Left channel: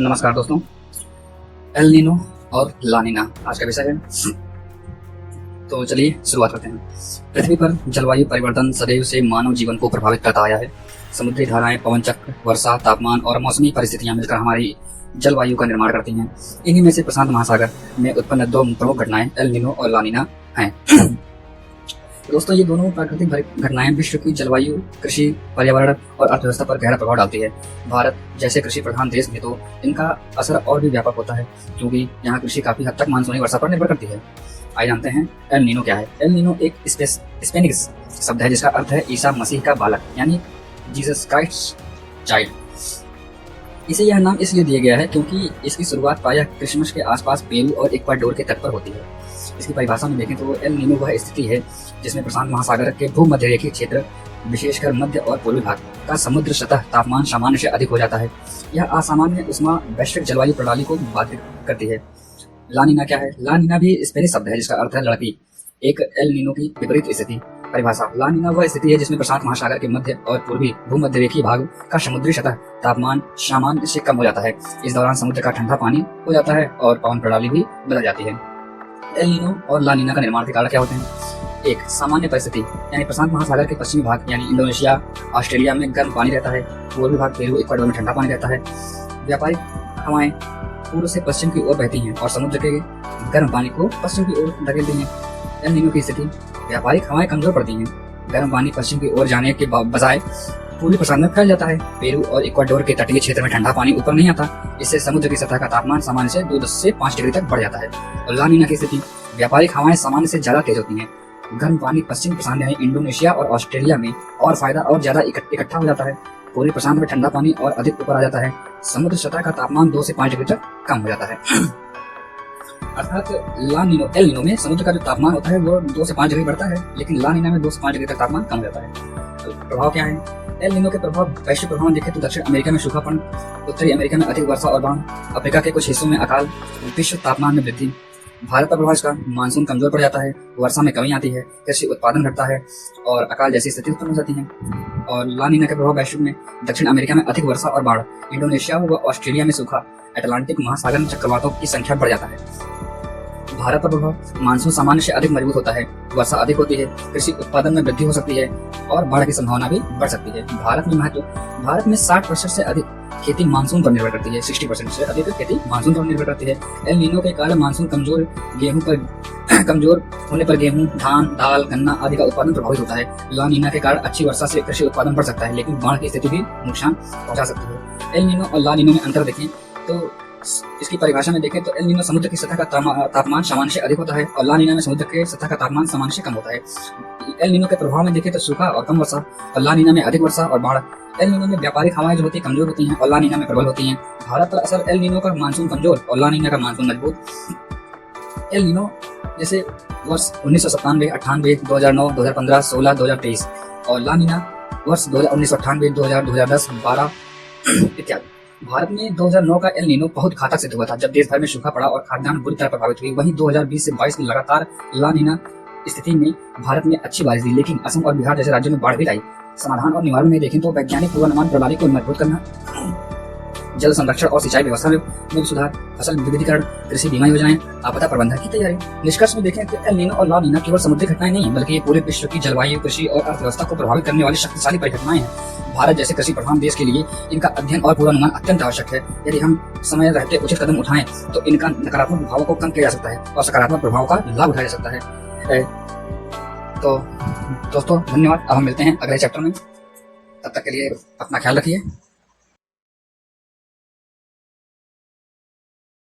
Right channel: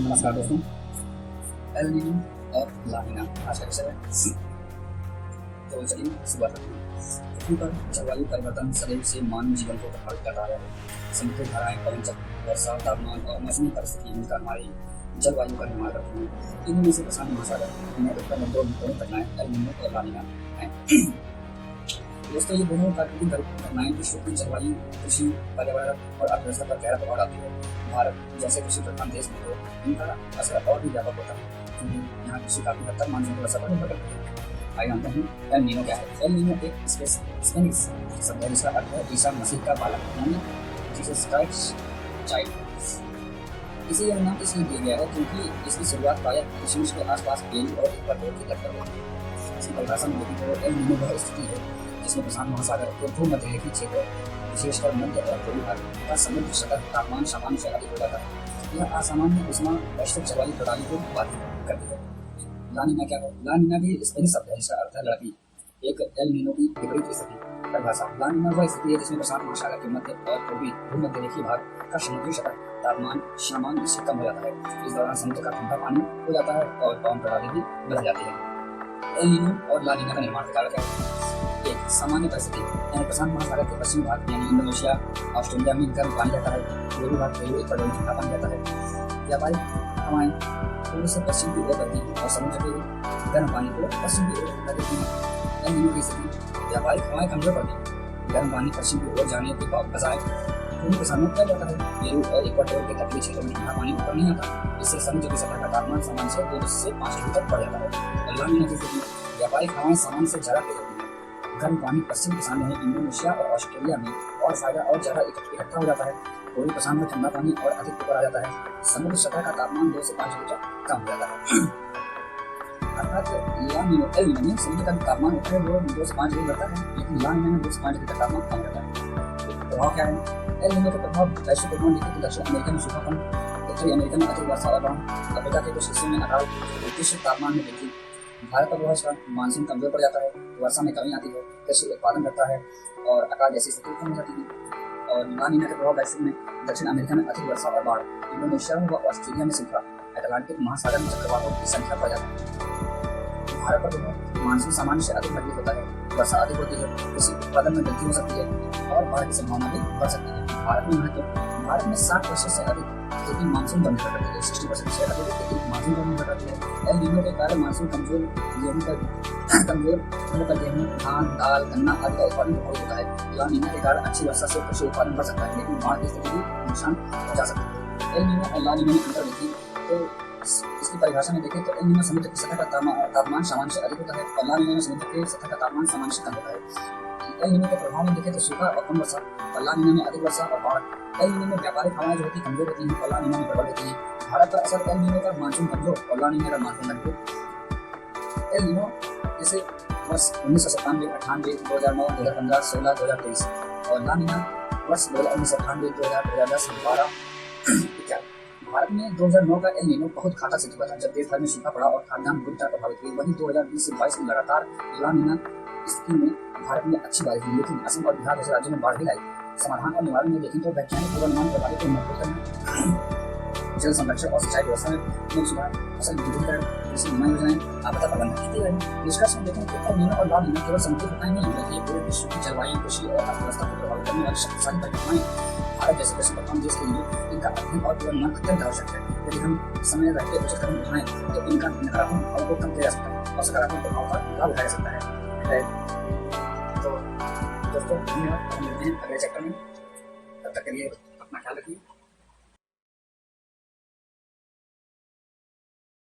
नमस्कार दोस्तों। El Nino और ला नीना आज का विषय है। तो चलिए शुरुआत करते हैं। पृथ्वी पर जलवायु परिवर्तन सदैव से मानव जीवन को प्रभावित करता आया है। समुद्री धाराएं, पवन चक्र, वर्षा, तापमान और मौसमी परिस्थितियां मिलकर हमारी जलवायु का निर्माण करती हैं। इन्हीं में से प्रशांत महासागर में उत्पन्न दो प्रमुख घटनाएं एल नीनो और ला नीना हैं। दोस्तों, ये दोनों प्राकृतिक घटनाएं विश्व की जलवायु, कृषि, पर्यावरण और अर्थव्यवस्था पर गहरा प्रभाव डालती है। भारत जैसे कृषि प्रधान देश में तो इनका असर और भी व्यापक होता है, क्योंकि यहाँ कृषि काफी हद तक मानसूनी वर्षा पर निर्भर करती है। आइए जानते हैं एल नीनो क्या है। एल नीनो एक स्पेनिश शब्द है जिसका अर्थ है ईसा मसीह का बालक, यानी जीसस क्राइस्ट चाइल्ड। इसे यह नाम इसलिए दिया गया है क्योंकि इसकी शुरुआत प्रायः क्रिसमस के आसपास पेरू और इक्वाडोर के तट पर होती है। इसकी परिभाषा में देखें तो एल नीनो वह स्थिति है जिसमें प्रशांत महासागर के भूमध्यरेखीय क्षेत्र, विशेषकर मध्य और पूर्वी भाग का समुद्र सतह तापमान सामान्य से अधिक हो जाता है। यह असामान्य उष्मा वैश्विक जलवायु प्रणाली को बाधित करती है। ला नीना क्या है? ला नीना भी स्पेनिश शब्द है जिसका अर्थ है लड़की, एक एल नीनो की विपरीत स्थिति। परिभाषा: ला नीना वह स्थिति है जिसमें प्रशांत महासागर के मध्य और पूर्वी भूमध्यरेखीय भाग का समुद्री सतह तापमान सामान्य से कम हो जाता है। इस दौरान समुद्र का ठंडा पानी हो जाता है और पवन प्रणाली भी बदल जाती है। एल नीनो और ला नीना का निर्माण के कारण क्या होते हैं? एक, सामान्य परिस्थिति, यानी प्रशांत महासागर के पश्चिमी भाग यानी इंडोनेशिया, ऑस्ट्रेलिया में गर्म पानी रहता है। पूर्वी भाग पेरू, इक्वाडोर में ठंडा पानी रहता है। व्यापारिक हवाएं पूर्व से पश्चिम की ओर बहती हैं और समुद्र के गर्म पानी को पश्चिम की ओर धकेलती हैं। एल नीनो की स्थिति: व्यापारिक हवाएं कमजोर पड़ती हैं। गर्म पानी पश्चिम की ओर जाने के बजाय पूर्वी प्रशांत में फैल जाता है। पेरू और इक्वाडोर के तटीय क्षेत्र में ठंडा पानी ऊपर नहीं आता। इससे समुद्र की सतह का तापमान सामान्य से 2 से 5 डिग्री तक बढ़ जाता है। और ला नीना की स्थिति: व्यापारिक हवाएं सामान्य से ज्यादा तेज होती हैं। गर्म पानी पश्चिम प्रशांत यानी इंडोनेशिया और ऑस्ट्रेलिया में और फायदा और ज्यादा इकट्ठा हो जाता है। पूर्वी प्रशांत में ठंडा पानी और अधिक ऊपर आ जाता है। समुद्र सतह का तापमान 2 से 5 डिग्री तक कम हो जाता है। अर्थात एल नीनो में समुद्र का जो तापमान होता है वो 2 से 5 डिग्री बढ़ता है, लेकिन ला नीना में 2 से 5 डिग्री तक तापमान कम हो जाता है। तो प्रभाव क्या है? एल नीनो के प्रभाव वैश्विक प्रभाव देखें तो दक्षिण अमेरिका में सूखापन, उत्तरी अमेरिका में अधिक वर्षा और बाढ़, अफ्रीका के कुछ हिस्सों में अकाल, विश्व तापमान में वृद्धि। भारत पर प्रभाव इसका: मानसून कमजोर पड़ जाता है, वर्षा में कमी आती है, कृषि उत्पादन घटता है और अकाल जैसी स्थिति उत्पन्न हो जाती है। और ला नीना के प्रभाव वैश्विक में दक्षिण अमेरिका में अधिक वर्षा और बाढ़, इंडोनेशिया व ऑस्ट्रेलिया में सूखा, अटलांटिक महासागर में चक्रवातों की संख्या बढ़ जाता है। भारत पर प्रभाव: मानसून सामान्य से अधिक मजबूत होता है, वर्षा अधिक होती है, कृषि उत्पादन में वृद्धि हो सकती है और बाढ़ की संभावना भी बढ़ सकती है। भारत में 60% से अधिक खेती मानसून पर निर्भर करती है। 60% से अधिक खेती मानसून पर निर्भर करती है। एल नीनो के कारण मानसून कमजोर होने पर गेहूं, धान, दाल, गन्ना आदि का उत्पादन प्रभावित होता है। ला नीना के कारण अच्छी वर्षा से कृषि उत्पादन बढ़ सकता है, लेकिन बाढ़ की स्थिति भी नुकसान पहुंचा सकती है। एल नीनो और ला नीनो में अंतर देखें तो इसकी परिभाषा में देखें तो एल नीनो समुद्र की सतह का तापमान सामान्य से अधिक होता है और ला नीना में समुद्र के सतह का तापमान सामान्य से कम होता है। एल नीनो के प्रभाव में देखें तो सूखा और कम वर्षा और ला नीना में अधिक वर्षा और बाढ़। एल नीनो में व्यापारिक हवाएं जो होती है कमजोर होती हैं और ला नीना में प्रबल होती हैं। भारत पर असर: एल नीनो का मानसून कमजोर और ला नीना का मानसून मजबूत। एल नीनो जैसे वर्ष 1997, 98, 2009, 2015, 16, 2023 और ला नीना वर्ष 1998, 2000, 2010, 12 इत्यादि। भारत में 2009 का एल नीनो बहुत घातक सिद्ध हुआ था, जब देश भर में सूखा पड़ा और खाद्यान्न बुरी तरह प्रभावित हुई। वहीं 2020 से 22 में लगातार ला नीना स्थिति में भारत में अच्छी बारिश हुई, लेकिन असम और बिहार जैसे राज्यों में बाढ़ भी आई। समाधान और निवारण में देखें तो वैज्ञानिक पूर्वानुमान प्रणाली को मजबूत करना, जल संरक्षण और सिंचाई व्यवस्था में सुधार, फसल विविधीकरण, कृषि बीमा योजनाएं, आपदा प्रबंधन की तैयारी। निष्कर्ष में देखें तो एल नीनो और ला नीना केवल समुद्री घटनाएं नहीं, बल्कि ये पूरे विश्व की जलवायु, कृषि और अर्थव्यवस्था को प्रभावित करने वाली शक्तिशाली परिघटनाएं हैं। भारत जैसे कृषि प्रधान देश के लिए इनका अध्ययन और पूर्वानुमान अत्यंत आवश्यक है। यदि हम समय रहते उचित कदम उठाएं तो इनका नकारात्मक प्रभाव को कम किया जा सकता है और सकारात्मक प्रभाव का लाभ उठाया जा सकता है। तो दोस्तों धन्यवाद। अब हम मिलते हैं अगले चैप्टर में। तब तक के लिए अपना ख्याल रखिए।